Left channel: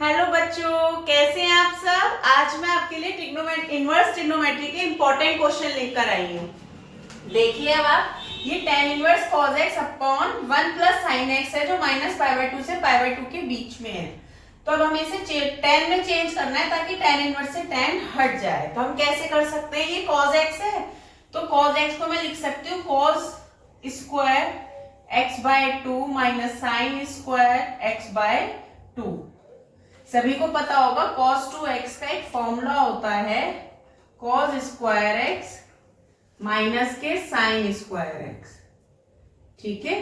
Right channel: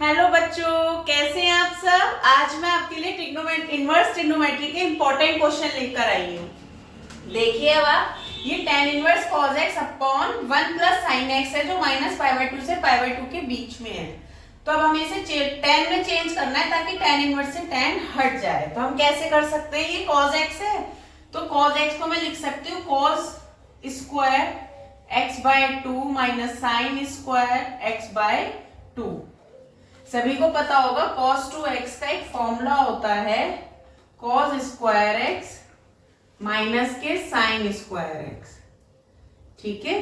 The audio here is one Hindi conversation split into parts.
हेलो बच्चों, कैसे हैं आप सब। आज मैं आपके लिए इनवर्स ट्रिग्नोमेट्री के इंपॉर्टेंट क्वेश्चन लेकर आई हूँ। देखिए अब आप, ये tan inverse cos x upon 1 plus sin x है जो -π/2 से π/2 के बीच में है। तो अब हमें इसे tan में चेंज करना है ताकि tan इनवर्स से tan हट जाए। तो हम कैसे कर सकते हैं, ये cos x है तो cos x को मैं लिख सकती हूँ cos square x/2 minus sine square x/2। सभी को पता होगा cos 2x का एक फॉर्मूला होता है cos स्क्वायर x माइनस के साइन स्क्वायर x। ठीक है,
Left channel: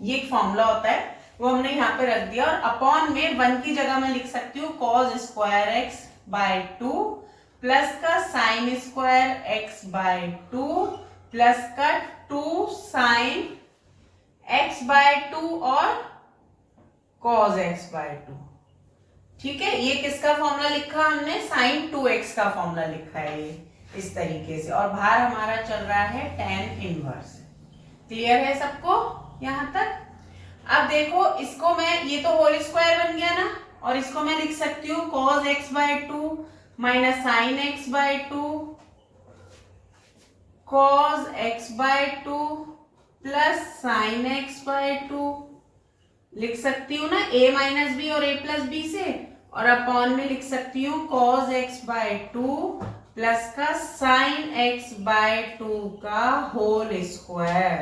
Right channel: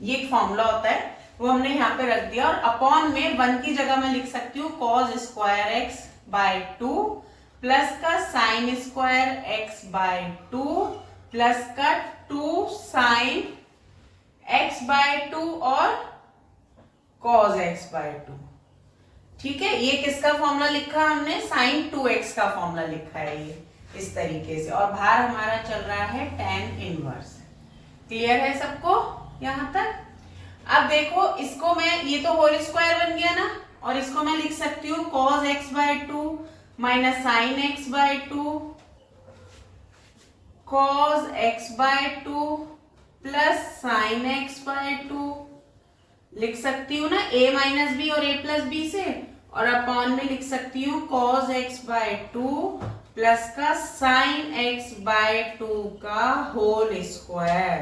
ये एक फॉर्मूला होता है, वो हमने यहाँ पे रख दिया। और अपॉन में 1 की जगह मैं लिख सकती हूँ cos स्क्वायर x/2 प्लस का साइन स्क्वायर x/2 प्लस का 2 साइन x/2 और cos x/2। ठीक है, ये किसका फॉर्मूला लिखा हमने, sin 2x का फॉर्मूला लिखा है ये इस तरीके से। और बाहर हमारा चल रहा है tan इनवर्स। क्लियर है सबको यहां तक। अब देखो इसको मैं, ये तो होल स्क्वायर बन गया ना, और इसको मैं लिख सकती हूँ cos x/2 minus sine x/2 cos x/2 plus sine x/2 लिख सकती हूँ ना a माइनस बी और a प्लस बी से। और अपॉन में लिख सकती हूँ cos x/2 प्लस का साइन x/2 का होल स्क्वायर।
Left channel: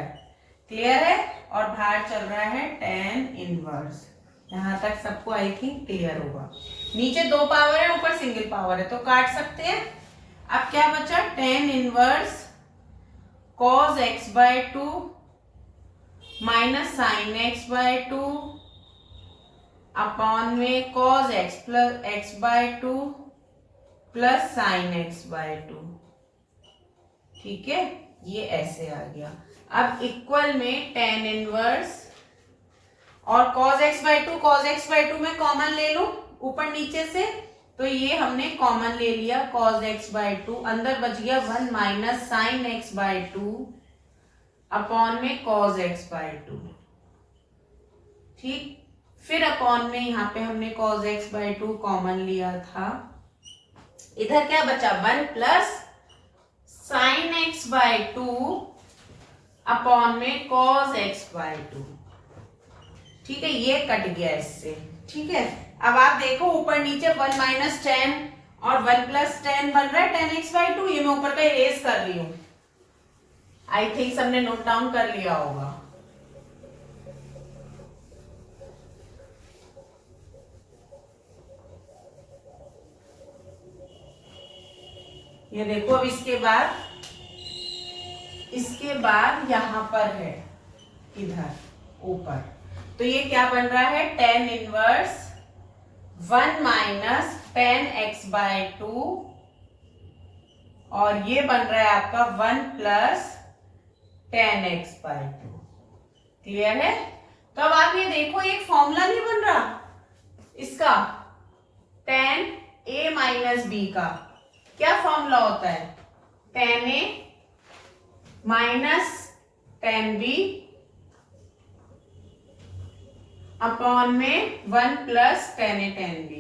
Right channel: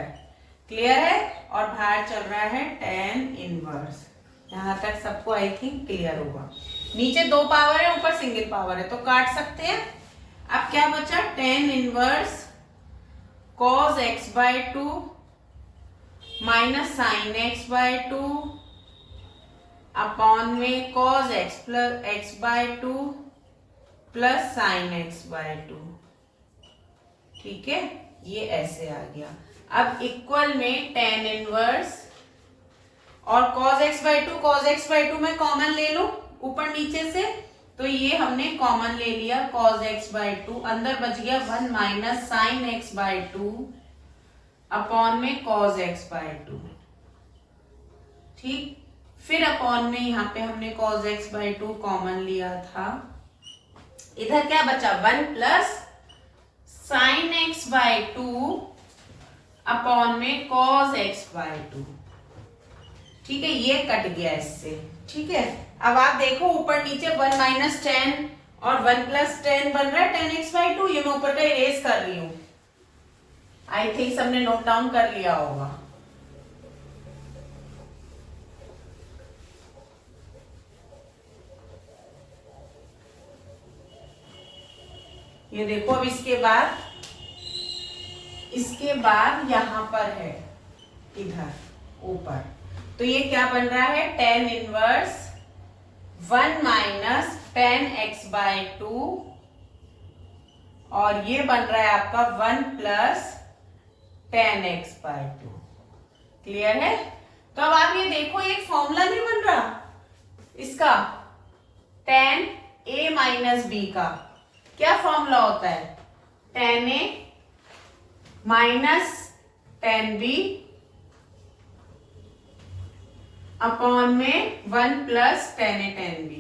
क्लियर है, और बाहर चल रहा है tan इनवर्स। यहां तक सबको आई थिंक क्लियर होगा। नीचे 2 पावर है, ऊपर सिंगल पावर है, तो काट सकते हैं। अब क्या बचा, tan inverse cos x/2 minus sine x/2 upon में cos x plus x/2 plus sine x/2। ठीक है, ये ऐसे आ गया। अब इक्वल में tan इनवर्स और cos x/2 में कॉमन ले लूं ऊपर नीचे से, तो ये हमने कॉमन ले लिया cos x/2, अंदर बच गया 1 माइनस साइन x/2 अपॉन में cos x/2। ठीक, फिर अपॉन में यहाँ पे हमने cos x/2 कॉमन लिया था। इधर क्या बचा, 1 प्लस साइन x/2 अपॉन में cos x/2। ठीक है, ये कट गया इससे। ठीक है, अब आप देखो ऊपर नीचे 1 माइनस टेन और 1 प्लस टेन बन रहा है tan x/2। ये मैं ऊपर का इरेज कर रही हूं। आई थिंक सबने नोट डाउन कर लिया होगा। ये देखो, अब इसके बाद यहां पर है इधर ऊपर, तो ये क्या बन रहा है, tan inverse 1 minus tan x/2 और ये बन रहा है आपका 1 प्लस tan x/2। क्लियर है। तो अब आप ये देखो, एक फॉर्मूला नहीं बन रहा इसका, tan a माइनस बी का क्या फॉर्मूला होता है, tan a minus tan b upon में 1 plus tan a tan b।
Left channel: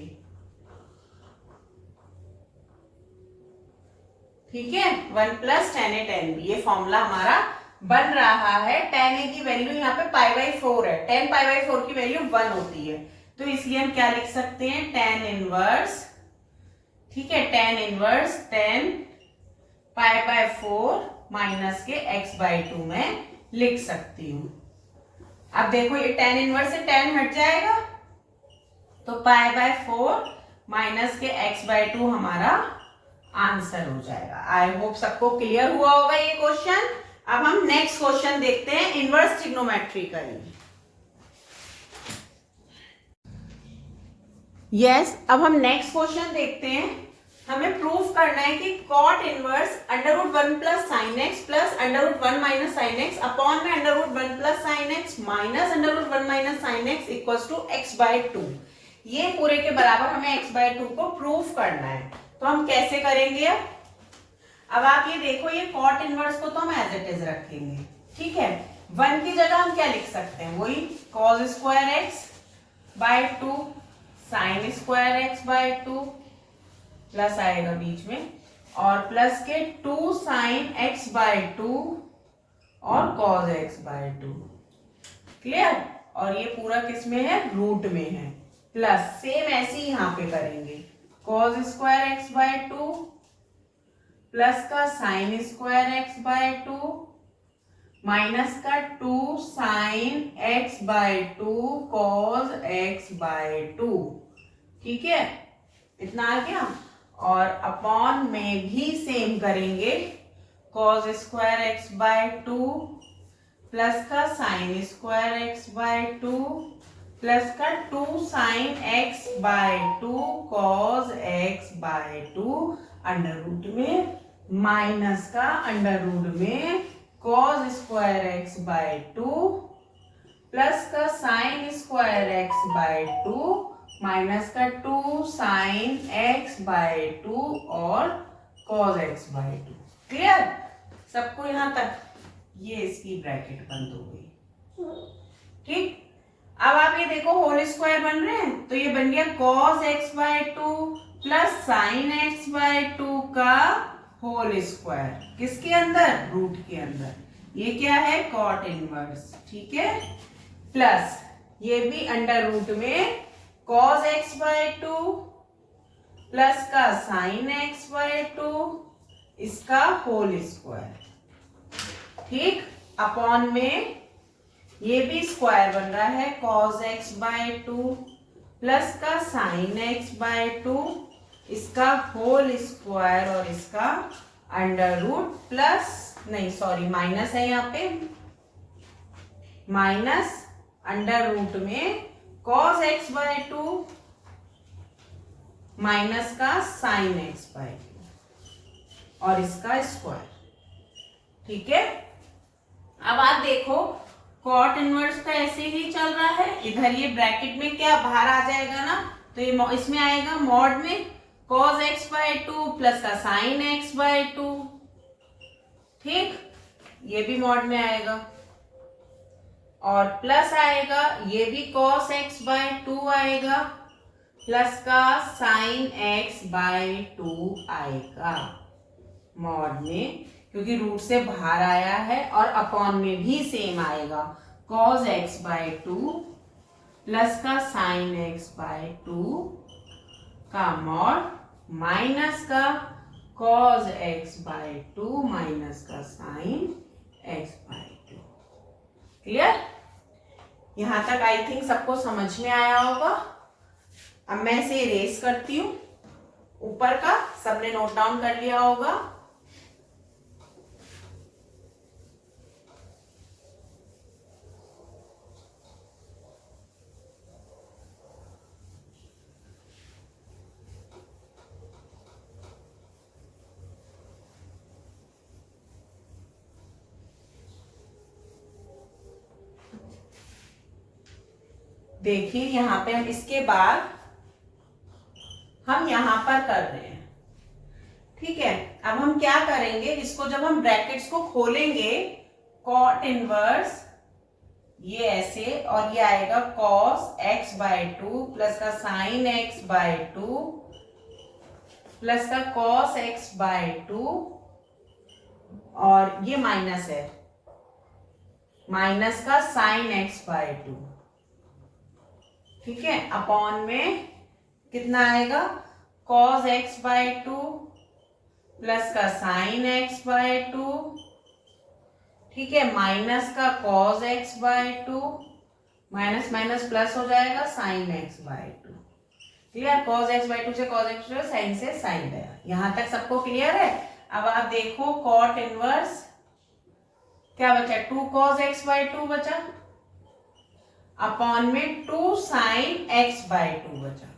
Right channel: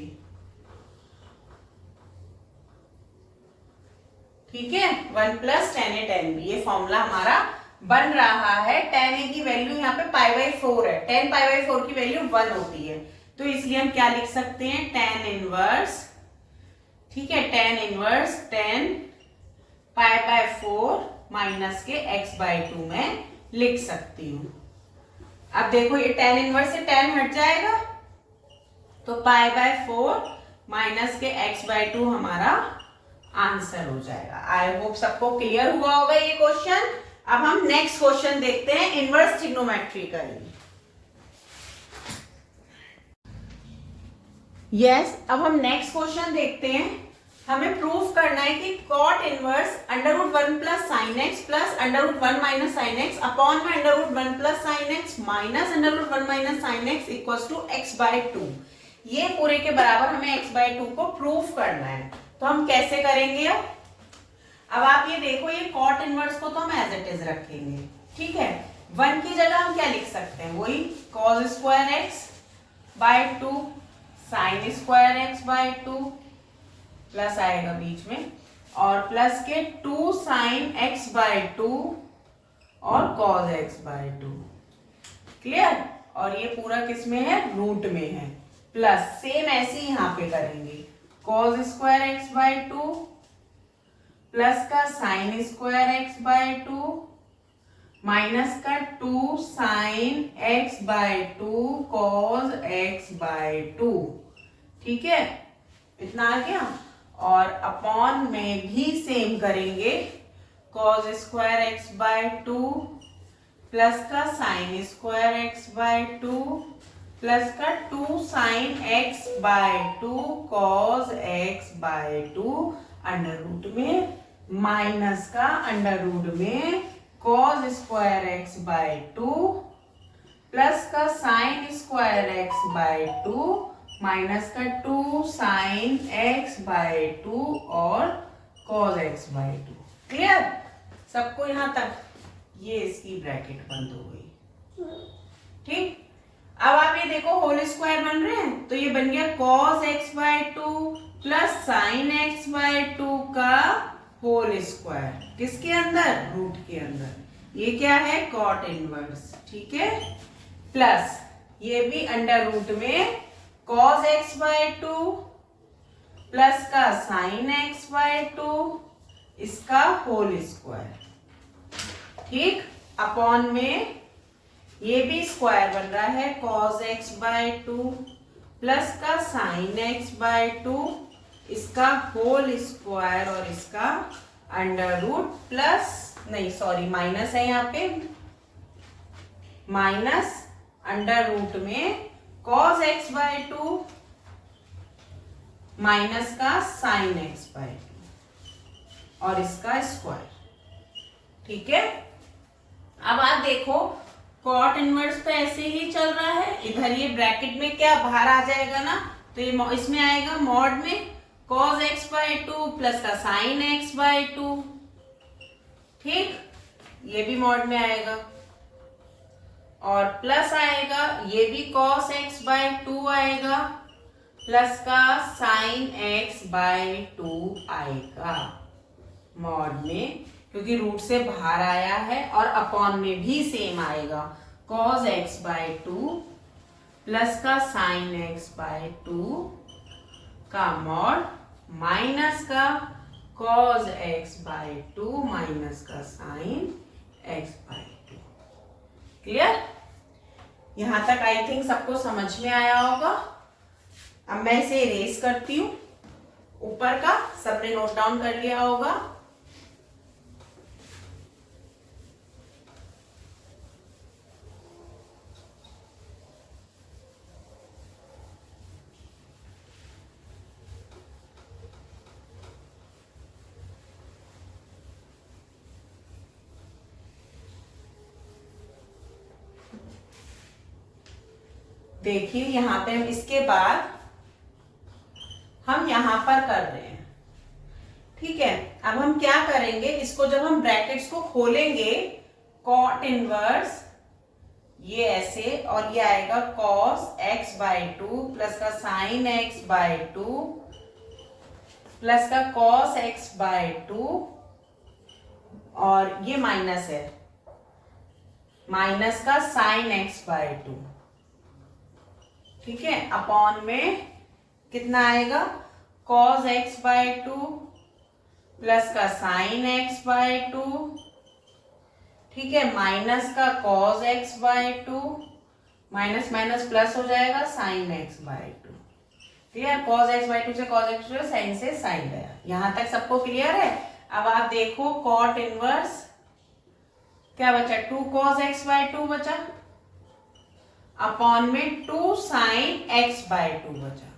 ठीक है, 1 plus tan a tan b, ये फॉर्मूला हमारा बन रहा है। tan a की वैल्यू यहाँ पे π/4 है, tan π/4 की वैल्यू 1 होती है, तो इसलिए हम क्या लिख सकते हैं, tan इनवर्स। ठीक है, tan इनवर्स tan π/4 माइनस के x/2 में लिख सकती हूं। अब देखो, ये tan इनवर्स से tan हट जाएगा, तो π/4 माइनस के x/2 हमारा आंसर हो जाएगा। आई होप सबको क्लियर हुआ होगा ये क्वेश्चन। अब हम नेक्स्ट क्वेश्चन देखते हैं इनवर्स ट्रिग्नोमेट्री का। यस, अब हम नेक्स्ट क्वेश्चन देखते हैं। हमें प्रूफ करना है कि cot inverse √1 plus sine x plus √1 minus sine x upon में √1 plus sine x minus √1 minus sine x equals to x/2। ये पूरे के बराबर हमें x/2 को प्रूफ करना है। तो हम कैसे करेंगे। अब आप ये देखो, ये cot इनवर्स को तो हम एज इट इज रखेंगे। ठीक है, 1 की जगह हम क्या लिख सकते हैं, वही cos square x/2 sign square x by two plus आएगा बीच में और प्लस के 2 साइन एक्स बाय टू और cos x by two. Clear? और ये पूरा किस में है? रूट में है। प्लस सेम ऐसे ही यहाँ पे करेंगे, cos square x by two plus का sine square x by two minus का 2 sine x by two cos x by two. ठीक है, इतना आ गया। और अपॉन में भी सेम करेंगे, cos square x by two plus का sine square x by two plus का 2 sine x by two cos x by two under root में माइनस का अंडर रूट में cos square x by two plus का sine square x by two minus का 2 साइन एक्स बाय टू और cos x by two. Clear सबको यहां तक? ये इसकी ब्रैकेट बंद हो गई। ठीक, अब आप ये देखो होल स्क्वायर बन रहे हैं, तो ये बन गया cos x by two plus sine x by two का होल स्क्वायर। किसके अंदर? रूट के अंदर। ये क्या है? Cot inverse. ठीक है, प्लस ये भी अंडर रूट में cos x by two plus का साइन एक्स बाय टू इसका होल स्क्वायर। ठीक, अपॉन में ये भी स्क्वायर बन रहा है, cos x by two plus का साइन एक्स बाय टू इसका होल स्क्वायर और इसका अंडर रूट प्लस नहीं सॉरी माइनस है यहाँ पे, माइनस अंडर रूट में cos x by two minus का साइन एक्स बाय टू और इसका स्क्वायर। ठीक है, अब आप देखो कॉट इनवर्स तो ऐसे ही चल रहा है, इधर ये ब्रैकेट में क्या बाहर आ जाएगा ना, तो ये इसमें आएगा मॉड में cos x by two plus का साइन एक्स बाय टू। ठीक, ये भी मॉड में आएगा और प्लस आएगा ये भी कॉस एक्स बाय टू आएगा प्लस का साइन एक्स बाय टू आएगा मॉड में, क्योंकि रूट से बाहर आया है। और अपॉन में भी सेम आएगा, cos x by two plus का साइन एक्स बाय टू का मॉड माइनस का cos x by two minus का sine x by two. Clear? यहां तक आई थिंक सबको समझ में आया होगा। अब मैं इसे इरेज करती हूं, ऊपर का सबने नोट डाउन कर लिया होगा। देखिए यहां पे हम इसके बाद हम यहां पर कर रहे हैं। ठीक है, अब हम क्या करेंगे, इसको जब हम ब्रैकेट्स को खोलेंगे कॉट इनवर्स ये ऐसे और ये आएगा cos x by two plus का sine x by two plus का कॉस एक्स बाय टू और ये माइनस है, माइनस का साइन एक्स बाय टू। ठीक है, अपॉन में कितना आएगा, cos x by two plus का साइन एक्स बाय टू। ठीक है, माइनस का cos x by two minus minus plus हो जाएगा sine x by two. Clear? Cos x by two से cos x by two, sine से साइन गया। यहां तक सबको क्लियर है? अब आप देखो कॉट इनवर्स क्या बचा, 2 कॉस एक्स बाय टू बचा अपॉन में 2 साइन एक्स बाय टू बचा।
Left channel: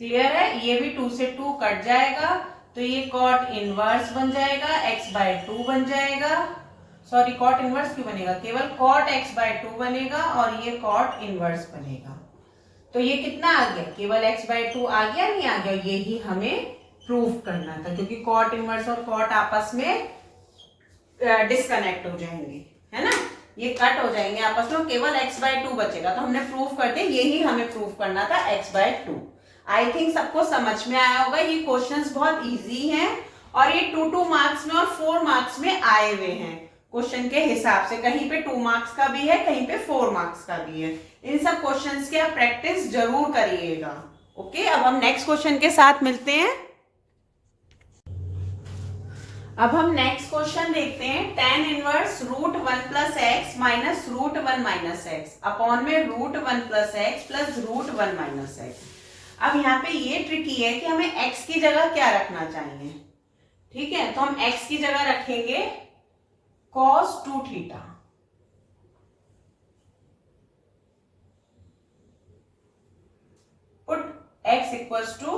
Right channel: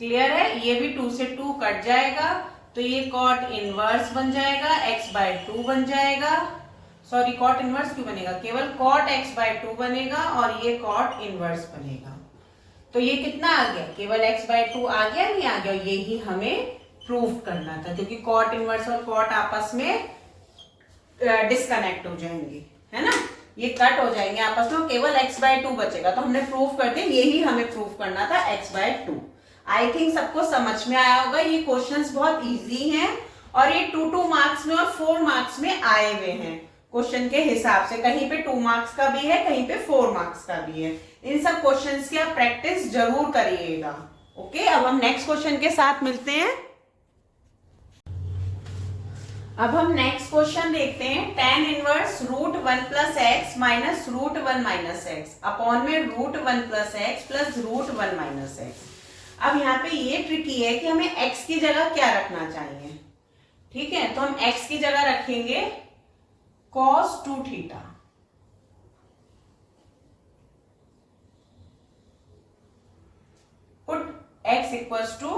क्लियर है? ये भी 2 से 2 कट जाएगा तो ये कॉट इनवर्स बन जाएगा, x बाय टू बन जाएगा। सॉरी, कॉट इनवर्स क्यों बनेगा, केवल कॉट x बाय टू बनेगा और ये कॉट इनवर्स बनेगा। तो ये कितना आ गया, केवल x बाय टू आ गया, नहीं आ गया, यही हमें प्रूव करना था, क्योंकि कॉट इनवर्स और कॉट आपस में डिस्कनेक्ट हो जाएंगे, है ना। ये कट हो जाएंगे आपस में, केवल x/2 बचेगा। तो हमने प्रूफ कर दिया, यही हमें प्रूफ करना था, x/2। आई थिंक सबको समझ में आया होगा। ये क्वेश्चंस बहुत इजी हैं और ये 2 मार्क्स में और 4 मार्क्स में आए हुए हैं क्वेश्चन के हिसाब से। कहीं पे 2 मार्क्स का भी है, कहीं पे 4 मार्क्स का भी है। इन सब क्वेश्चंस की आप प्रैक्टिस जरूर करिएगा। ओके, अब हम नेक्स्ट क्वेश्चन के साथ मिलते हैं। अब हम नेक्स्ट क्वेश्चन देखते हैं। tan inverse √1 + x minus √1 - x upon में √1 + x प्लस √1 - x। अब यहाँ पे ये ट्रिकी है कि हमें x की जगह क्या रखना चाहिए। ठीक है, तो हम x की जगह रखेंगे cos 2θ। Put x equals to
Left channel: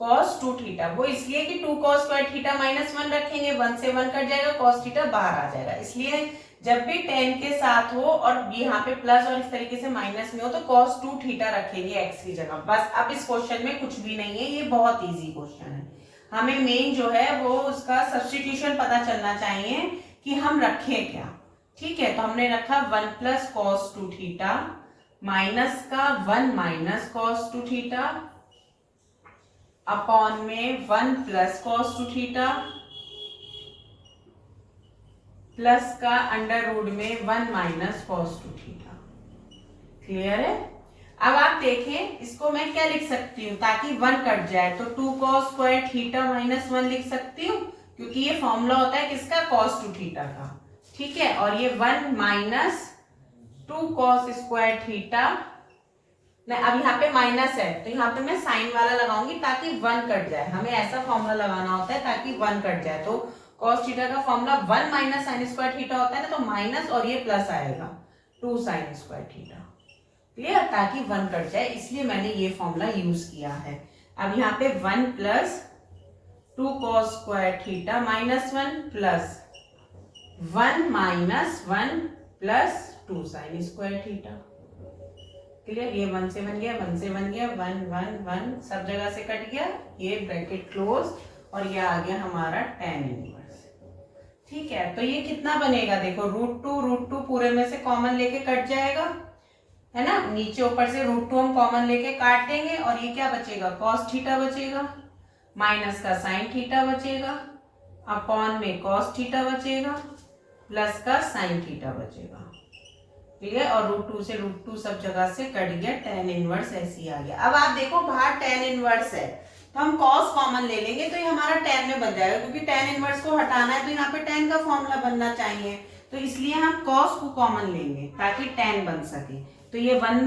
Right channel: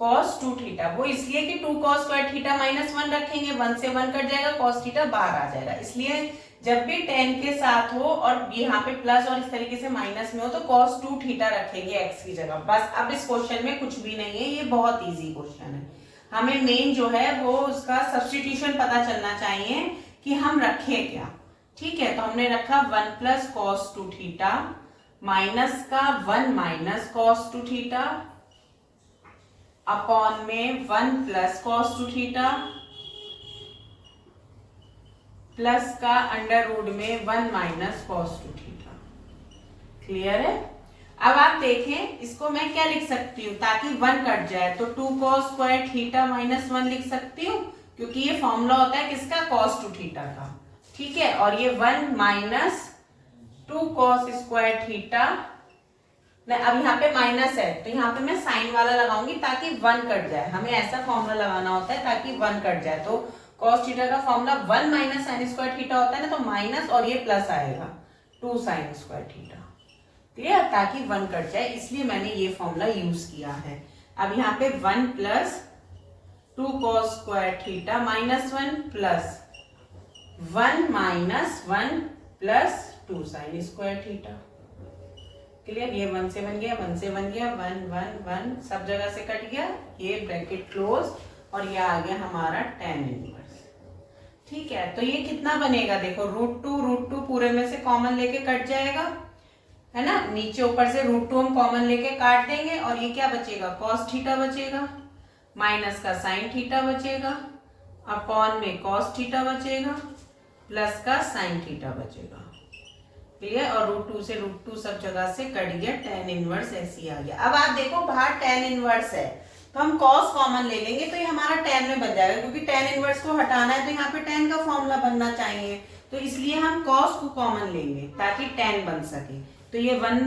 cos 2θ। वो इसलिए कि 2 cos स्क्वायर थीटा -1 रखेंगे, 1 से 1 कट जाएगा, cos थीटा बाहर आ जाएगा। इसलिए जब भी tan के साथ हो और यहाँ पे प्लस और इस तरीके से माइनस में हो तो cos 2θ रखेंगे x की जगह। बस अब इस क्वेश्चन में कुछ भी नहीं है, ये बहुत इजी क्वेश्चन है। हमें मेन जो है वो उसका सब्स्टिट्यूशन पता चलना चाहिए कि हम रखें क्या। ठीक है, तो हमने रखा 1 + cos 2θ माइनस का 1 - cos 2θ अपॉन में 1 + cos 2θ प्लस का √ में 1 - cos 2θ। क्लियर है? अब आप देखें, इसको मैं क्या लिख सकती हूँ ताकि 1 कट जाए, तो 2 cos स्क्वायर थीटा -1 लिख सकती हूँ, क्योंकि ये फॉर्मूला होता है किसका, cos 2θ का। ठीक है, और ये 1 - 2 cos स्क्वायर थीटा। अब यहाँ पे माइनस है तो यहाँ पे मैं साइन वाला लगाऊंगी ताकि 1 कट जाए। हमें ऐसा फॉर्मूला लगाना होता है ताकि 1 कट जाए। तो cos थीटा का फॉर्मूला 1 - sin स्क्वायर थीटा होता है ना, तो माइनस और ये प्लस आएगा 2 sin स्क्वायर थीटा। क्लियर, ताकि 1 कट जाए, इसलिए मैंने ये फॉर्मूला यूज किया है। अब यहाँ पे 1 + 2 cos square theta -1 plus 1 - 1 plus 2 sin square theta. Clear, ये 1 से बन गया, 1 से बन गया, 1 1 1 सब जगह से कट गया, ये ब्रैकेट क्लोज और ये आ गया हमारा tan इनवर्स। ठीक है, तो ये कितना बनेगा, देखो √2 पूरे में से कॉमन लेके कट जाएगा, है ना। नीचे ऊपर से √2 हम कॉमन लेके काट देंगे और ये क्या बचेगा, cos थीटा बचेगा, माइनस का sin थीटा बचेगा, अपॉन में cos थीटा बचेगा, प्लस का sin थीटा बचेगा। क्लियर, और √2 से √2 सब जगह से कट गया, tan इनवर्स ऐसे ही आ गया। अब आप देखो बाहर tan इनवर्स है तो हम cos कॉमन ले लेंगे तो ये हमारा tan में बन जाएगा, क्योंकि tan इनवर्स को हटाना है तो यहाँ पे tan का फॉर्मूला बनना चाहिए, तो इसलिए हम cos को कॉमन लेंगे ताकि tan बन सके। तो ये 1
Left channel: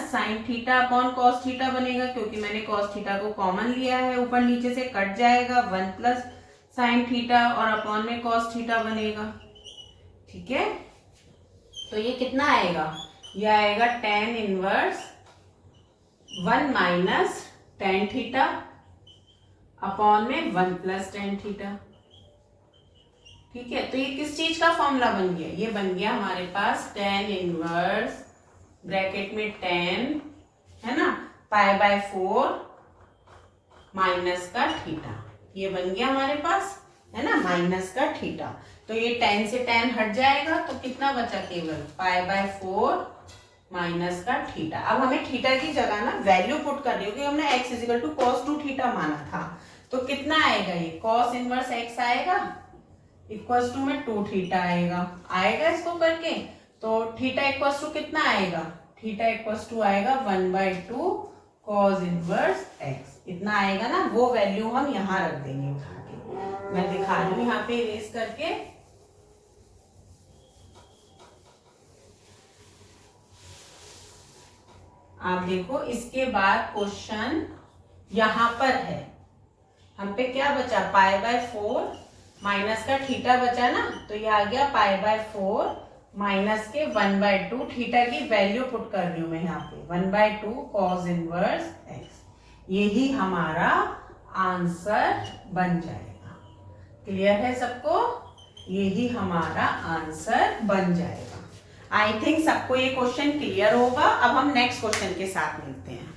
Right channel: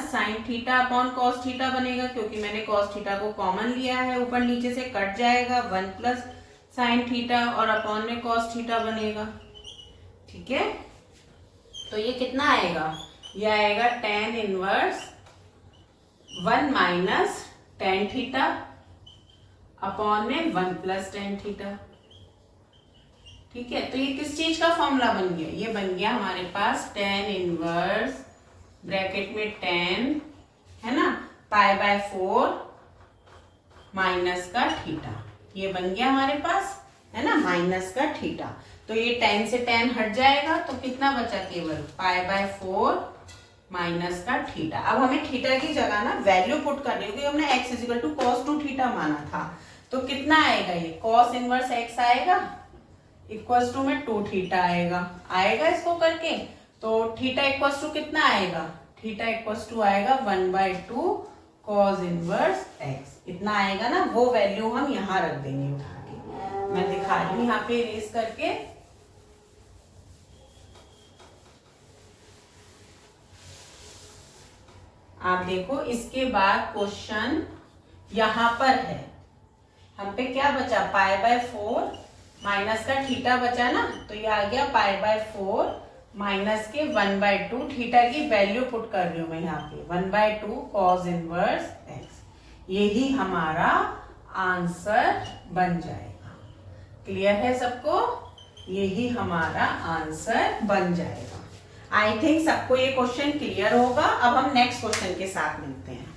- sin theta upon cos theta बनेगा, क्योंकि मैंने cos थीटा को कॉमन लिया है, ऊपर नीचे से कट जाएगा, 1 + sin थीटा और अपॉन में cos थीटा बनेगा। ठीक है, तो ये कितना आएगा, ये आएगा tan inverse 1 - tan theta upon में 1 + tan थीटा। ठीक है, तो ये किस चीज का फॉर्मूला बन गया, ये बन गया हमारे पास tan इनवर्स ब्रैकेट में tan, है ना, π/4 माइनस का थीटा। ये बन गया हमारे पास, है ना, माइनस का थीटा। तो ये tan से tan हट जाएगा तो कितना बचा, केवल π/4 माइनस का थीटा। अब हमें थीटा की जगह ना वैल्यू पुट कर रही है, क्योंकि हमने x = cos 2θ माना था। तो कितना आएगा, ये cos इनवर्स x आएगा इक्वल्स टू में 2θ आएगा इसको करके। तो थीटा इक्वल्स टू कितना आएगा, थीटा इक्वल्स टू आएगा 1/2 cos इनवर्स x। इतना आएगा ना, वो वैल्यू हम यहाँ रख देंगे उठा के। मैं दिखा रही हूँ यहाँ पे इरेज करके। आप देखो, इसके बाद क्वेश्चन यहां पर है, हम पे क्या बचा, π/4 माइनस का थीटा बचा ना, तो ये आ गया π/4 माइनस के 1/2, थीटा की वैल्यू पुट कर रही हूं मैं यहाँ पे, 1/2 cos इनवर्स x। यही हमारा आंसर बन जाएगा। क्लियर है सबको, यही हमारा आंसर बन जाएगा। आई थिंक सबको ये क्वेश्चन क्लियर होगा। अब हम नेक्स्ट क्वेश्चन के साथ मिलते हैं।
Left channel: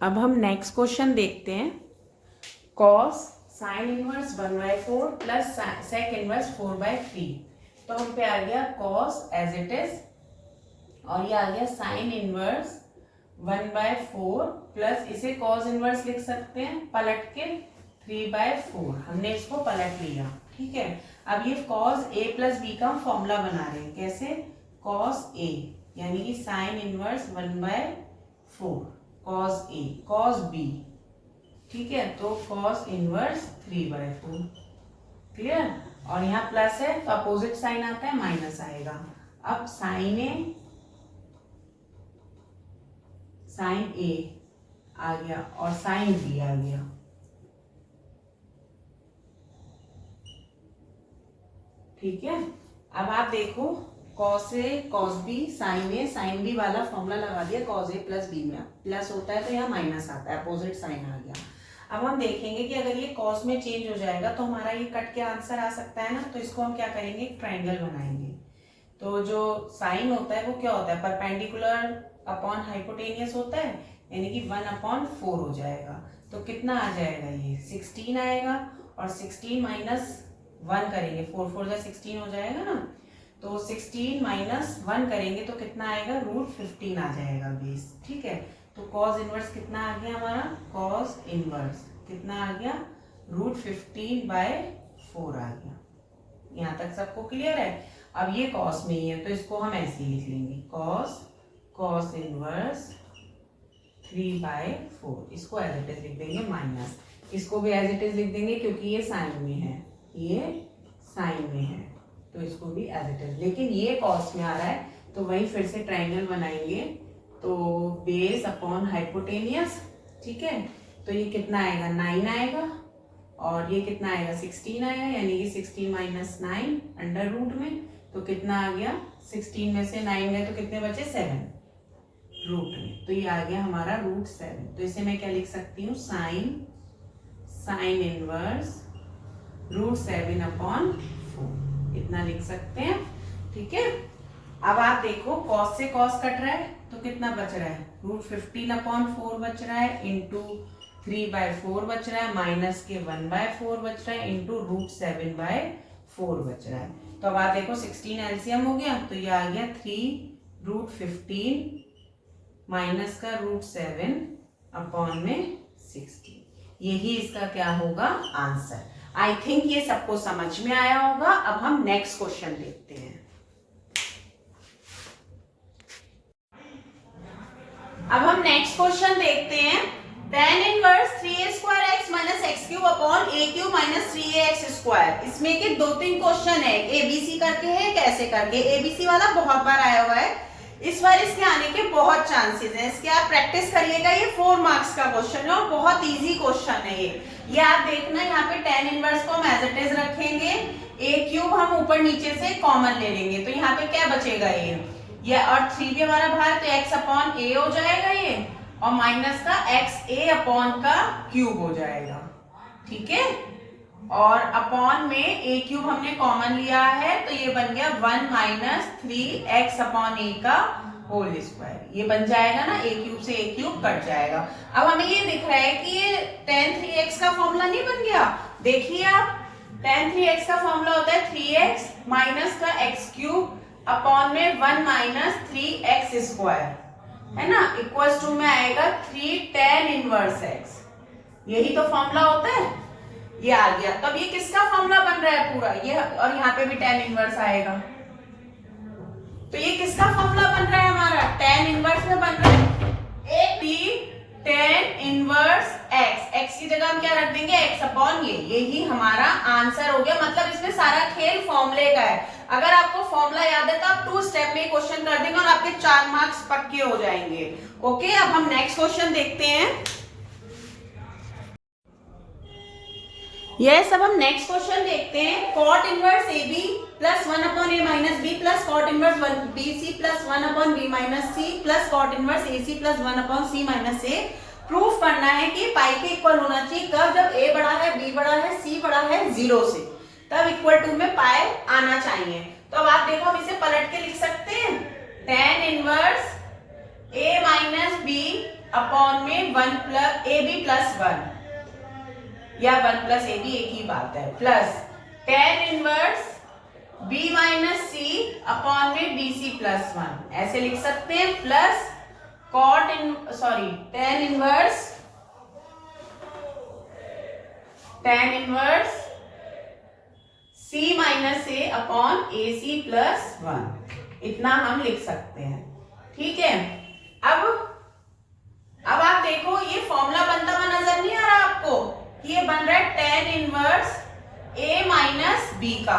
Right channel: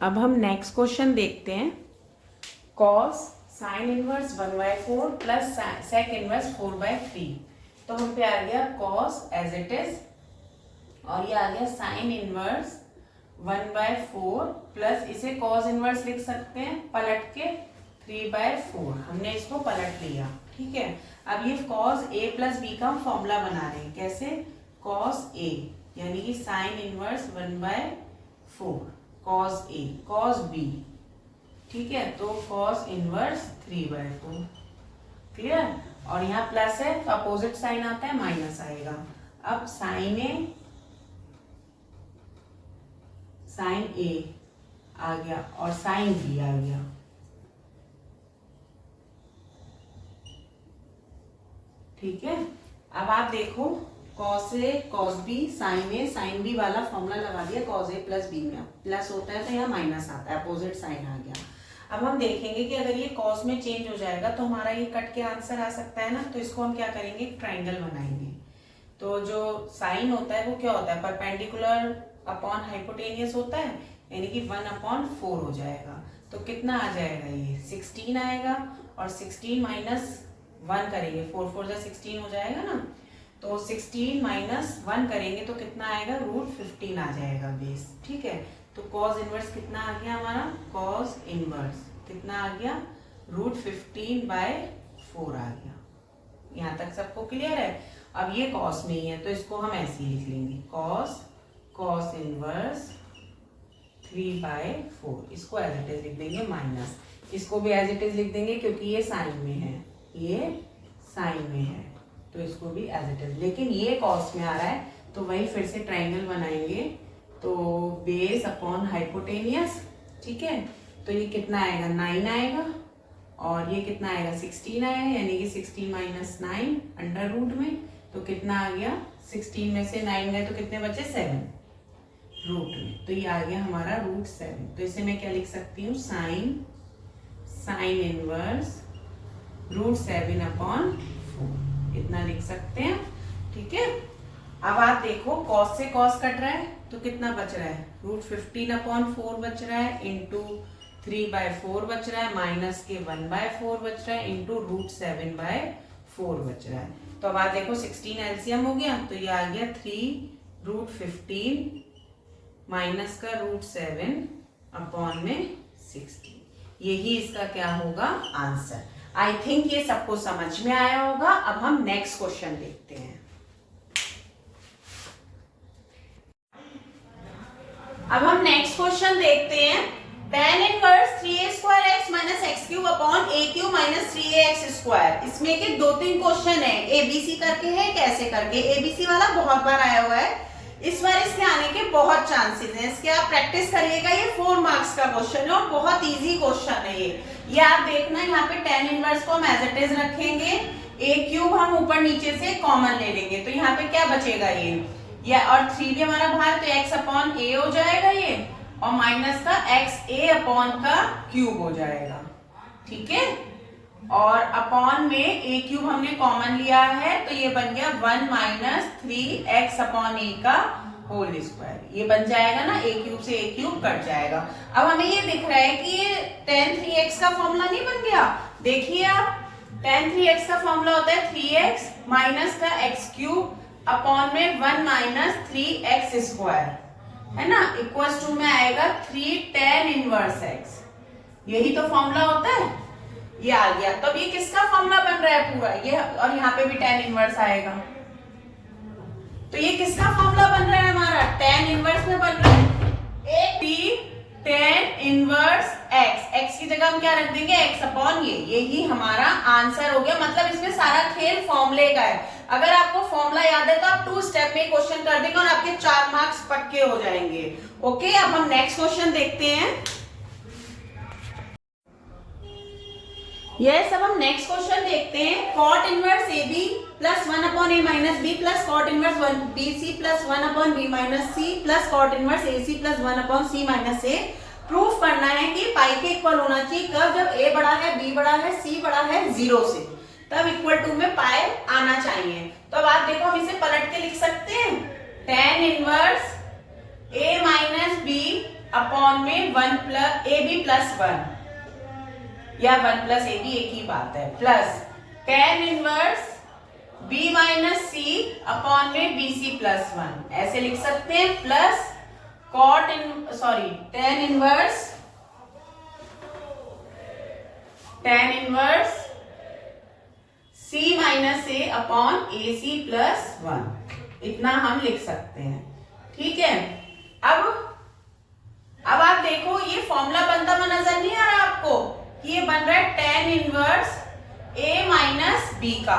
अब हम नेक्स्ट क्वेश्चन देखते हैं। cos sin inverse 1/4 plus sec inverse 4/3। तो तो हम पे आ गया cos एज इट इज, और ये आ गया साइन इनवर्स 1/4 प्लस इसे cos इनवर्स लिख सकते हैं पलट के 3/4। हमने इसको पलट लिया, ठीक है। अब ये cos a प्लस b का फॉर्मूला बना रहे हैं। कैसे? cos a यानी कि sine inverse 1/4 cos a cos b, ठीक है। तो cos इनवर्स 3/4, क्लियर। और यहाँ प्लस है तो अपोजिट साइन आता है माइनस आएगा। अब साइन ए आ गया और साइन बी आ गया, ठीक है। अब आप देखो cos a cos b sine b वाला फॉर्मूला लगा दिया। cos a प्लस b में प्लस होता है तो यहाँ माइनस आता है, अपोजिट साइन आ गया। अब हम देखेंगे कि अगर ये cos में चेंज हो जाएगा तो हमारा ये कट के आंसर आ सकता है ना। तो इसको हम क्या करेंगे, ट्राइंगल बनाएंगे। तो जो साइन होता है वो क्या होता है, परपेंडिकुलर अपॉन हाइपोटेनियस होता है, यानी कि 1/4 हो जाएगा। तो कितना आ जाएगा, ये 16 आएगा। और 16 माइनस 1 करेंगे, 4 4 जा 16 हो जाएगा ना। तो 16 माइनस 1 करेंगे तो कितना आएगा, √15 आ जाएगा बेस, ठीक है। तो cos इनवर्स कितना आ गया हमारा, cos इनवर्स कितना आ गया, √15/4 आ गया। यहाँ तक सबको क्लियर है। अब ये cos में ही है तो इसको हम ऐसे ही लिख लेंगे, cos इनवर्स 3/4। इसको एज इट इज लिख देंगे माइनस, इसको भी एज इट इज लिख देंगे क्योंकि ये साइन में है, ये साइन में है तो इसको भी एज इट इज। लेकिन ये cos में आ रहा है तो वही फिर से ट्राइंगल बनाएंगे। तो बेस अपॉन हाइपोटेनियस, ठीक है। तो ये कितना आएगा, 9 आएगा। और ये कितना आएगा, 16 आएगा, यानी कि 16 माइनस 9 अंडर रूट में। तो कितना आ गया, 16 में से 9 गए तो कितने बचे, 7 रूट में। तो ये आ गया हमारा √7। तो इसे मैं क्या लिख सकती हूँ, साइन इनवर्स √7/4 इतना लिख सकते हैं, ठीक है। अब आप देखो cos से cos कट रहा है तो कितना बच रहा है, √15/4 बच रहा है, इंटू 3/4 बच रहा है, माइनस के 1/4 बच रहा है, इंटू √7/4 बच रहा है। तो अब आप देखो 16 एलसीएम हो गया तो ये आ गया 3√15 माइनस का √7/16। यही इसका क्या होगा, आंसर। आई थिंक ये सबको समझ में आया होगा। अब हम नेक्स्ट क्वेश्चन देखते हैं। अब हम नेक्स्ट क्वेश्चन देखते हैं। tan inverse 3a² minus x³ minus 3ax²। इसमें के 2-3 क्वेश्चन है, एबीसी करके है, कैसे करके। एबीसी वाला बहुत बार आया हुआ है, इस बार इसके आने के बहुत चांसेस हैं। इसके आप प्रैक्टिस करिएगा। ये 4 मार्क्स का क्वेश्चन है और बहुत इजी क्वेश्चन है ये आप देखना। यहाँ पे tan इनवर्स को हम एज इट इज रखेंगे, a³ हम ऊपर नीचे से कॉमन ले लेंगे। तो यहाँ पे क्या बचेगा, ये और 3 भी हमारा बाहर, तो x/a हो जाएगा ये, और माइनस का xa/³ हो जाएगा, ठीक है। और अपॉन में a³ हमने कॉमन लिया है तो ये बन गया 1 माइनस 3x/a का होल स्क्वायर। ये बन जाएगा ना, a³ से a³ कट जाएगा। अब हमें ये दिख रहा है कि ये tan 3x का फॉर्मूला नहीं बन गया। देखिए आप, tan 3x का फॉर्मूला होता है 3x माइनस का x³ अपॉन में 1 माइनस 3x², है ना, इक्वल टू में आएगा 3 tan इनवर्स x। यही तो फॉर्मूला होता है, ये आ गया। तो अब ये किसका फॉर्मूला बन रहा है पूरा, ये, और यहाँ पे भी tan इनवर्स आएगा। तो ये किसका फॉर्मूला बन रहा है हमारा, tan इनवर्स में बन रहा है tan इनवर्स x की जगह हम क्या रख देंगे, x/a। यही हमारा आंसर हो गया। मतलब इसमें सारा खेल फॉर्मूले का है। अगर आपको फॉर्मूला याद है तो आप 2 स्टेप में क्वेश्चन कर देंगे और आपके 4 मार्क्स पक्के हो जाएंगे। ओके, अब हम नेक्स्ट क्वेश्चन देखते हैं। अब हम नेक्स्ट क्वेश्चन देखते हैं। cot inverse AB plus 1/a minus b plus cot inverse BC plus 1/b minus c plus cot inverse AC plus 1/c minus a। Proof करना है कि पाई के इक्वल होना चाहिए कब, जब a बड़ा है, b बड़ा है, c बड़ा है 0 से, तब इक्वल टू में पाई आना चाहिए। तो अब आप देखो, हम इसे पलट के लिख सकते हैं, tan inverse a minus b upon में 1 प्लस ab प्लस 1 या 1 प्लस ab एक ही बात है, plus tan inverse B minus C upon में बी सी प्लस वन, ऐसे लिख सकते हैं, plus tan inverse C minus A upon A C plus one, इतना हम लिख सकते हैं। ठीक है, अब आप देखो ये फॉर्मूला बनता हुआ नजर नहीं आ रहा आपको? ये बन रहा है tan inverse a minus b का,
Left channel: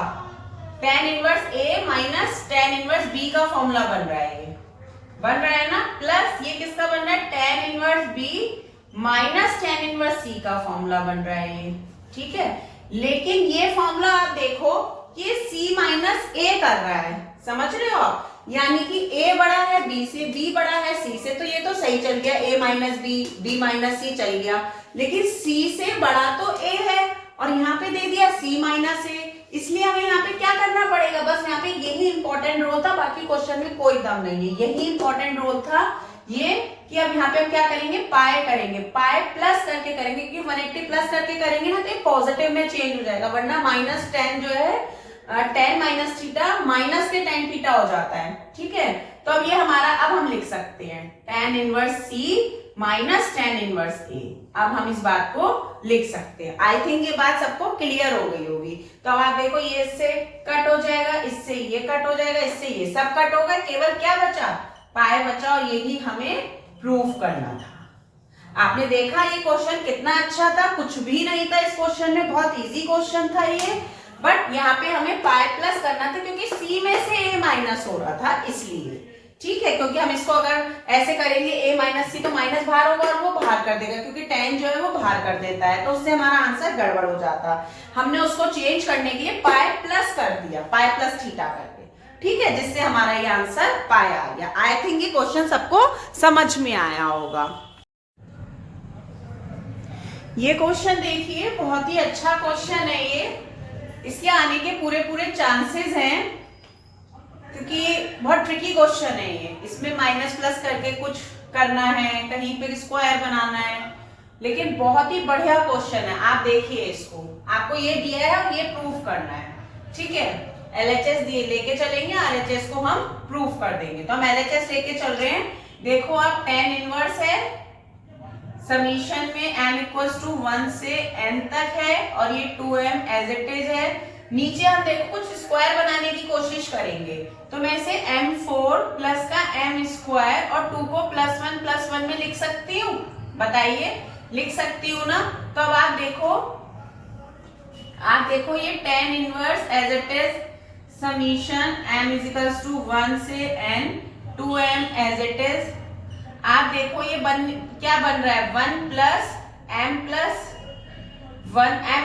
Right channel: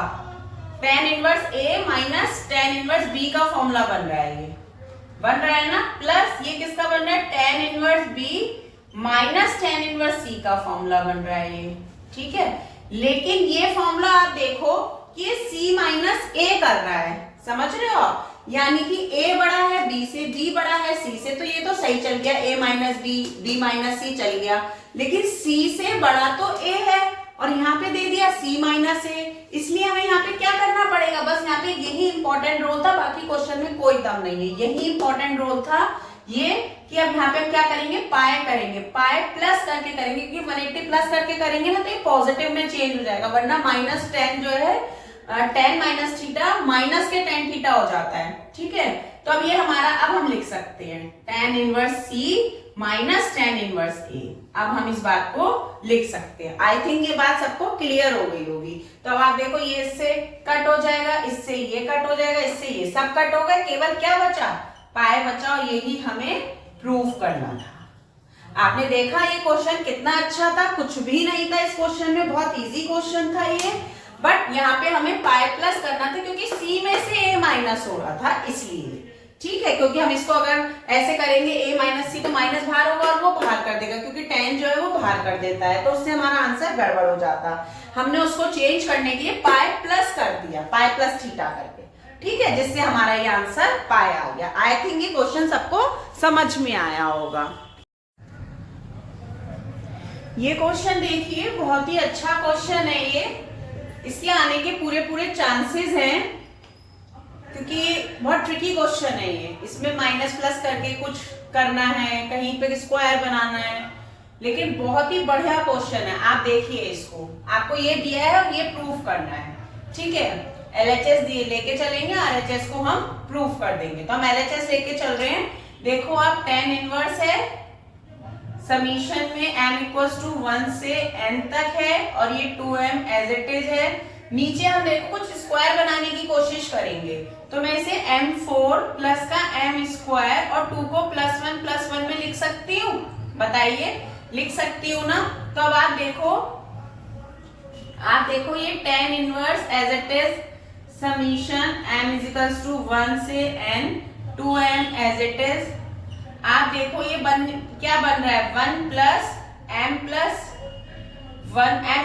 tan inverse a minus tan inverse b का फॉर्मूला बन रहा है, ये बन रहा है ना। प्लस ये किसका बन रहा है? tan inverse b minus tan inverse c का फॉर्मूला बन रहा है ये। ठीक है, लेकिन ये फॉर्मूला आप देखो ये c माइनस a कर रहा है, समझ रहे हो आप? यानी कि a बड़ा है b से, b बड़ा है c से, तो ये तो सही चल गया, a minus b minus c चल गया, लेकिन c से बड़ा तो a है और यहाँ पे दे दिया c माइनस a, इसलिए हमें यहाँ पे क्या करना पड़ेगा? बस यहाँ पे यही इंपॉर्टेंट रोल था, बाकी क्वेश्चन में कोई दम नहीं है, यही इंपॉर्टेंट रोल था ये कि अब यहाँ पे हम क्या करेंगे? पाई करेंगे, पाई प्लस करके करेंगे, क्योंकि 180 प्लस करके करेंगे ना तो ये पॉजिटिव में चेंज हो जाएगा, वरना माइनस टेन जो है टेन माइनस थीटा माइनस के टेन थीटा हो जाता है। ठीक है, तो अब ये हमारा, अब हम लिख सकते हैं tan inverse c minus tan inverse a, अब हम इस बात को लिख सकते हैं। आई थिंक ये बात सबको क्लियर हो गई होगी। तो अब आप देखो ये इससे कट हो जाएगा, इससे ये कट हो जाएगा, इससे ये सब कट हो गए, केवल क्या बचा? पाई बचा, और यही हमें प्रूव करना था। आपने देखा ये क्वेश्चन कितना अच्छा था, कुछ भी नहीं था इस क्वेश्चन में, बहुत इजी क्वेश्चन था ये, बट यहाँ पे हमें पाई प्लस करना था क्योंकि c में से a माइनस हो रहा था, इसलिए। ठीक है, क्योंकि हम इसको अगर ऐसे करेंगे a माइनस सी तो माइनस बाहर होगा और वो बाहर कर देगा, क्योंकि tan जो है वो बाहर कर देता है, तो उससे हमारा आंसर गड़बड़ हो जाता। हमने उसको चेंज करने के लिए पाई प्लस कर दिया, पाई प्लस थीटा करके। ठीक है, जिससे हमारा ये आंसर पाई आ गया। आई थिंक ये क्वेश्चन सबको समझ में आया होगा। ये क्वेश्चन देखिए, बहुत ही अच्छा क्वेश्चन है ये, इसके आने के पूरे चांसेस हैं, क्योंकि बहुत ट्रिकी क्वेश्चन है ये। इसमें माइनस प्लस करके कुछ करना है, कहीं पे स्क्वायर बनाना है, लेकिन बहुत ही बढ़िया क्वेश्चन है। आप देखिए इसको, आपको ये दिया है और ये प्रूफ करना है। ठीक है, LHS दिए लेके चलेंगे, RHS को हम प्रूफ कर देंगे। तो हम LHS लेके चल रहे हैं। देखो आप tan इनवर्स है, समीशन में m इक्वल्स टू 1 से n तक है, और ये 2m एज इट इज है। नीचे हम देखो कुछ स्क्वायर बनाने की कोशिश करेंगे, तो मैं इसे m4 प्लस का m स्क्वायर और 2 को प्लस वन में लिख सकती हूँ? बताइए, लिख सकती हूँ ना? तो अब आप देखो ये tan inverse as it is summation m is equals to 1 से n 2m as it is. आप देखो ये क्या बन रहा है? 1 प्लस m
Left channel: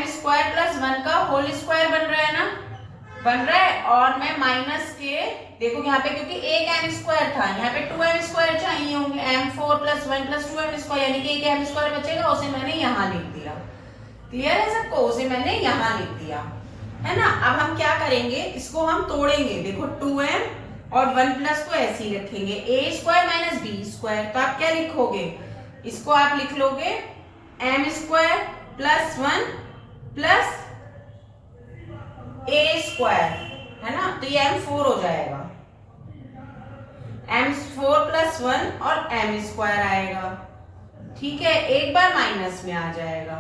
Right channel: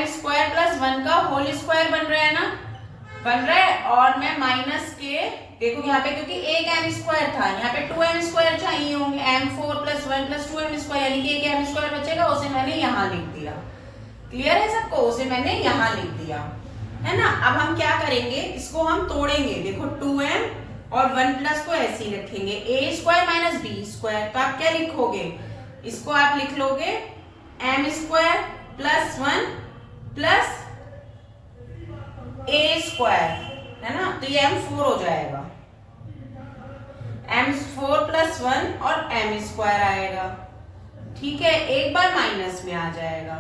स्क्वायर प्लस 1 का होल स्क्वायर बन रहा है ना, बन रहा है। और मैं माइनस के, देखो यहाँ पे क्योंकि एक m स्क्वायर था, यहाँ पे 2m स्क्वायर चाहिए होंगे, m4 plus 1 plus 2m square, यानी कि एक m स्क्वायर बचेगा, उसे मैंने यहाँ लिख दिया। क्लियर है सबको? उसे मैंने यहाँ लिख दिया, है ना। अब हम क्या करेंगे, इसको हम तोड़ेंगे। देखो 2m और 1 प्लस को ऐसे ही रखेंगे, a square minus b square, तो आप क्या लिखोगे? इसको आप लिख लोगे m square plus 1 plus a square, है ना, तो ये m4 हो जाएगा, m4 प्लस 1 और m स्क्वायर आएगा। ठीक है, एक बार माइनस में आ जाएगा,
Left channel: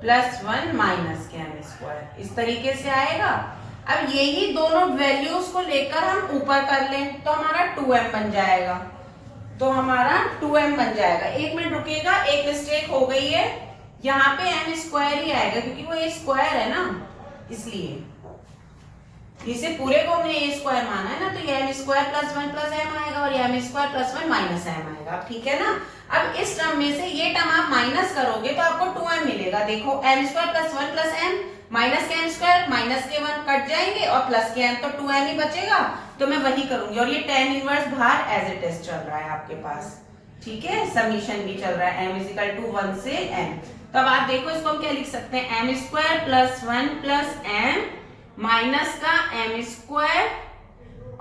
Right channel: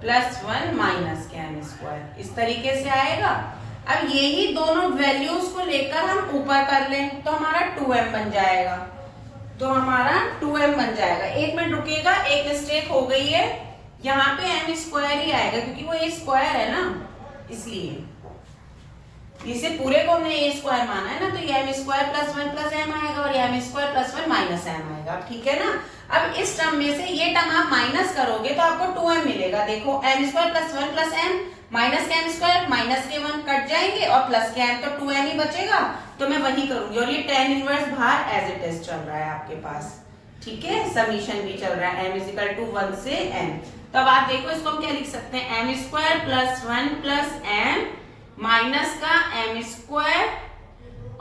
प्लस 1 माइनस के m स्क्वायर, इस तरीके से आएगा। अब यही दोनों वैल्यूज को लेकर हम ऊपर कर लें तो हमारा 2m बन जाएगा, तो हमारा 2m बन जाएगा। एक मिनट रुकेगा, एक मिस्टेक हो गई है, यहाँ पे m स्क्वायर ही आएगा क्योंकि वो a स्क्वायर है ना, इसलिए इसे पूरे को हमने a स्क्वायर माना है ना, तो ये m square plus 1 plus m आएगा और ये m square plus 1 minus m आएगा। ठीक है ना। अब इस टर्म में से ये टर्म आप माइनस करोगे तो आपको 2m मिलेगा। देखो m square plus 1 plus m minus के m स्क्वायर, माइनस के 1 कट जाएंगे और प्लस के m, तो 2m ही बचेगा, तो मैं वही करूंगी। और ये tan इनवर्स बाहर एज इट इज चल रहा है आपके पास। ठीक है, समीशन भी चल रहा है m इज इक्वल टू 1 से n। तो अब आप देखो इसको हम क्या लिख सकते हैं, m square plus 1 plus m minus का m स्क्वायर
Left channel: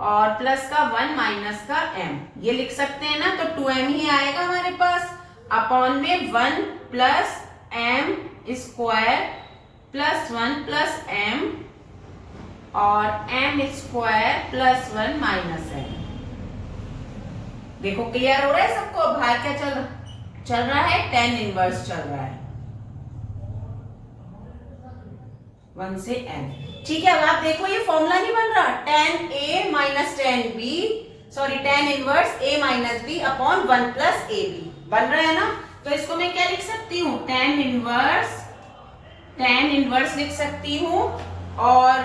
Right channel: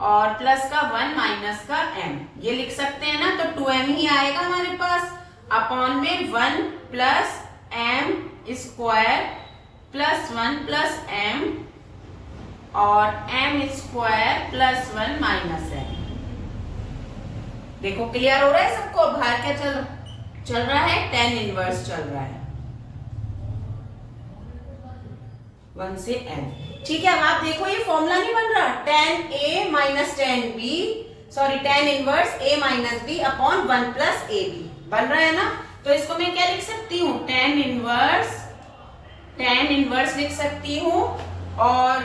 और प्लस का 1 माइनस का m, ये लिख सकते हैं ना। तो 2m ही आएगा हमारे पास, अपॉन में 1 plus m square plus 1 plus m और m square plus 1 minus m। देखो क्लियर हो रहा है सबको? बाहर क्या चल रहा है? tan इनवर्स चल रहा है 1 से n। ठीक है, अब आप देखो ये फॉर्मूला नहीं बन रहा, tan a minus tan b, sorry tan inverse a minus b upon 1 plus a b बन रहा है ना? तो इसको मैं क्या लिख सकती हूँ? tan इनवर्स लिख सकती हूँ, और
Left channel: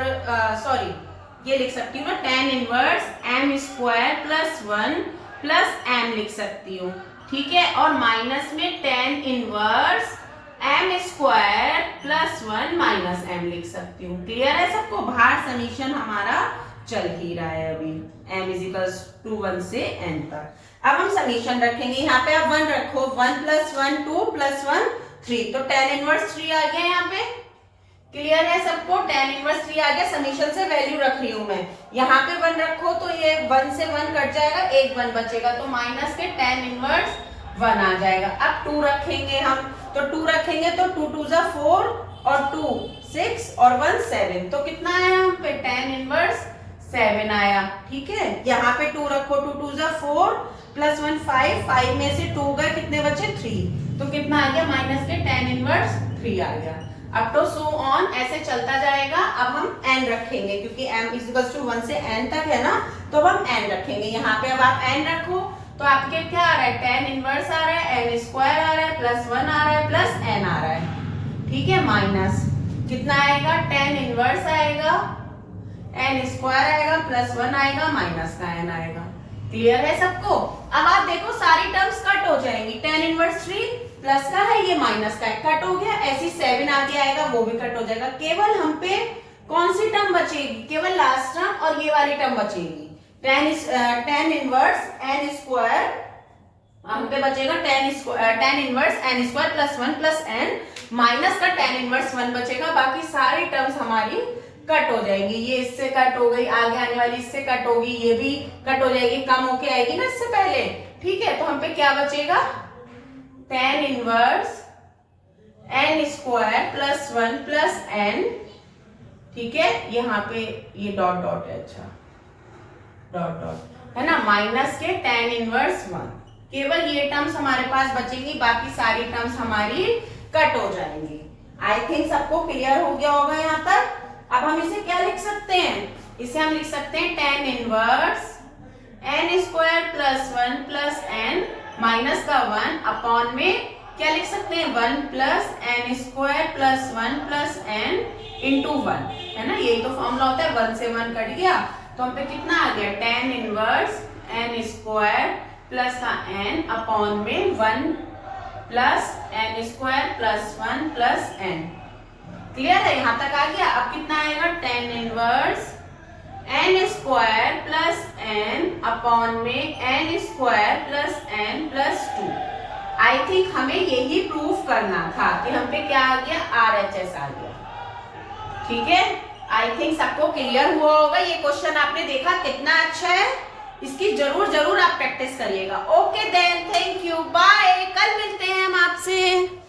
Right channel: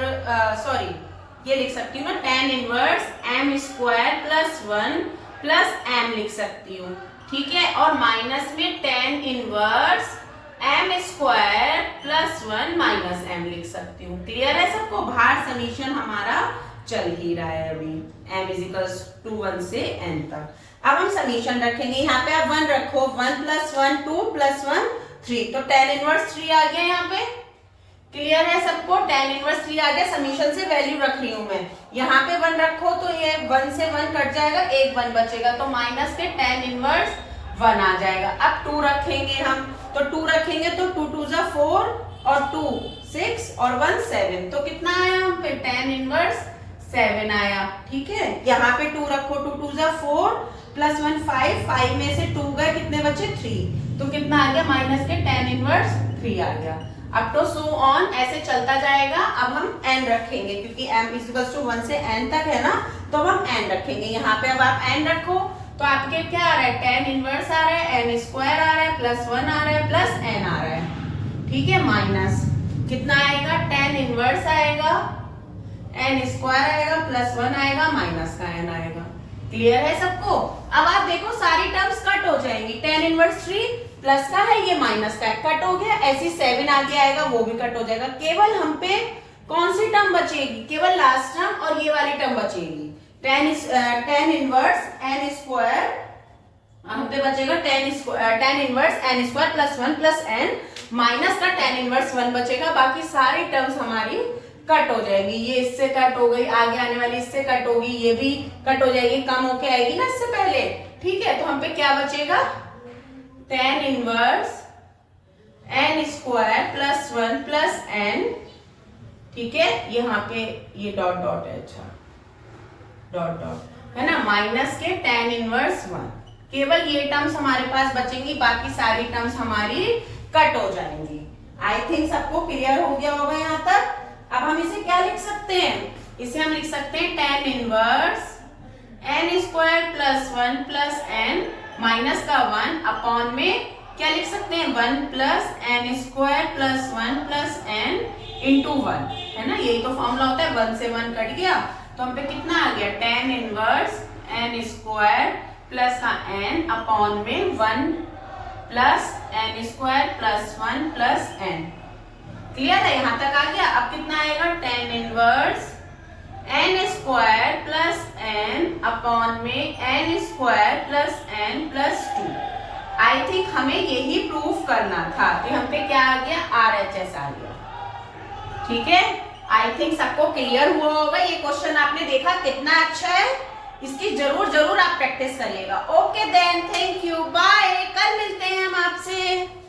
सॉरी ये लिख सकती हूँ ना, tan inverse m square plus 1 plus m लिख सकती हूँ। ठीक है, और माइनस में tan inverse m square plus 1 minus m लिख सकती हूँ। क्लियर है सबको? बाहर समीशन हमारा चल ही रहा है अभी, m इजिकल्स टू 1 से n तक। अब हम समीशन रखेंगे, यहाँ पे आप 1 रखो, 1 प्लस 1 2 प्लस 1 3, तो tan इनवर्स 3 आ गया यहाँ पे। क्लियर है सबको? tan इनवर्स 3 आ गया, समीशन से वैल्यू रख रही हूँ मैं। यहाँ पे 1 रखो तो ये 1 से 1 कट जाएगा, एक 1 बचेगा, तो माइनस के tan इनवर्स 1 आ जाएगा। अब 2 रखेंगे हम, तो 2 रखेंगे तो 2 2 जा 4 और 2 6 और 1 7, तो कितना आया हम पे? tan इनवर्स 7 आया। ठीक है, यहाँ पे 2 रखो, 2 2 जा 4 प्लस 1 5, 5 में से 2 गए, कितने बचे? 3, तो कितना आ गया? माइनस के tan इनवर्स 3 आ गया। अब तो सो ऑन ऐसे चलता जाएगा। अब हम n रखेंगे, क्योंकि m इक्वल्स टू 1 से n तक है ना, तो अब हम n रखेंगे यहाँ पे। अब आप n रखो तो आपके क्या आ रहा है? tan इनवर्स आ रहा है, n स्क्वायर आ रहा है, प्लस 1 आ रहा है, प्लस n आ रहा है। ठीक है, माइनस कितना आएगा? tan इनवर्स आएगा, n स्क्वायर आएगा, प्लस 1 आएगा, माइनस का n आएगा। क्लियर है सबको? अब आप देखो सारी टर्म्स कट हो जाएंगी, tan इनवर्स 3 प्लस का है, ये माइनस का है, कट हो गया। ऐसी 7 आगे आएगा, वो भी कट हो जाएगा। केवल हम पे कौन सी टर्म बचेगी? केवल लास्ट टर्म और ये वाली टर्म बचेगी, tan इनवर्स n स्क्वायर। हम पे बचेगा tan inverse n square plus 1 plus n, minus का tan इनवर्स 1 बचेगा। बाकी सारी टर्म्स हमारी कट हो जाएंगी। ये इससे कट हो गई, आगे आने वाली इससे कट होगी, ये भी कट हो जाएगी, कम होके आएगी ना इससे पहले। ठीक है, तो हम पे क्या बचेगा? tan inverse n square plus 1 plus n। ठीक है, यहाँ पे ये डॉट डॉट है, अच्छा डॉट डॉट है ना, माइनस के tan इनवर्स 1। केवल ये टर्म्स हमारे पास बचेंगी, बाकी सारी टर्म्स हमारी कट हो जाएंगी। आई थिंक सबको क्लियर हो गया होगा यहाँ तक। अब हम इसे क्या लिख सकते हैं? इसे हम लिख सकते हैं tan inverse n square plus 1 plus n minus का 1 अपॉन में क्या लिख सकते हैं? 1 plus n square plus 1 plus n into 1, है ना? यही तो फॉर्मूला होता है, 1 से 1 कट गया, तो हम पे कितना आ गया? tan inverse n square plus का n अपॉन में 1 plus n square plus 1 plus n। Clear है? यहाँ तक आ गया। अब कितना आएगा? tan inverse n square plus n upon में n square plus n plus 2। I think हमें यही प्रूफ करना था कि हम पे क्या आ गया? RHS आ गया। ठीक है, आई थिंक सबको क्लियर हुआ होगा। ये क्वेश्चन आपने देखा कितना अच्छा है, इसकी जरूर आप प्रैक्टिस करिएगा। Okay then, thank you, bye, कल मिलते हैं हम आपसे।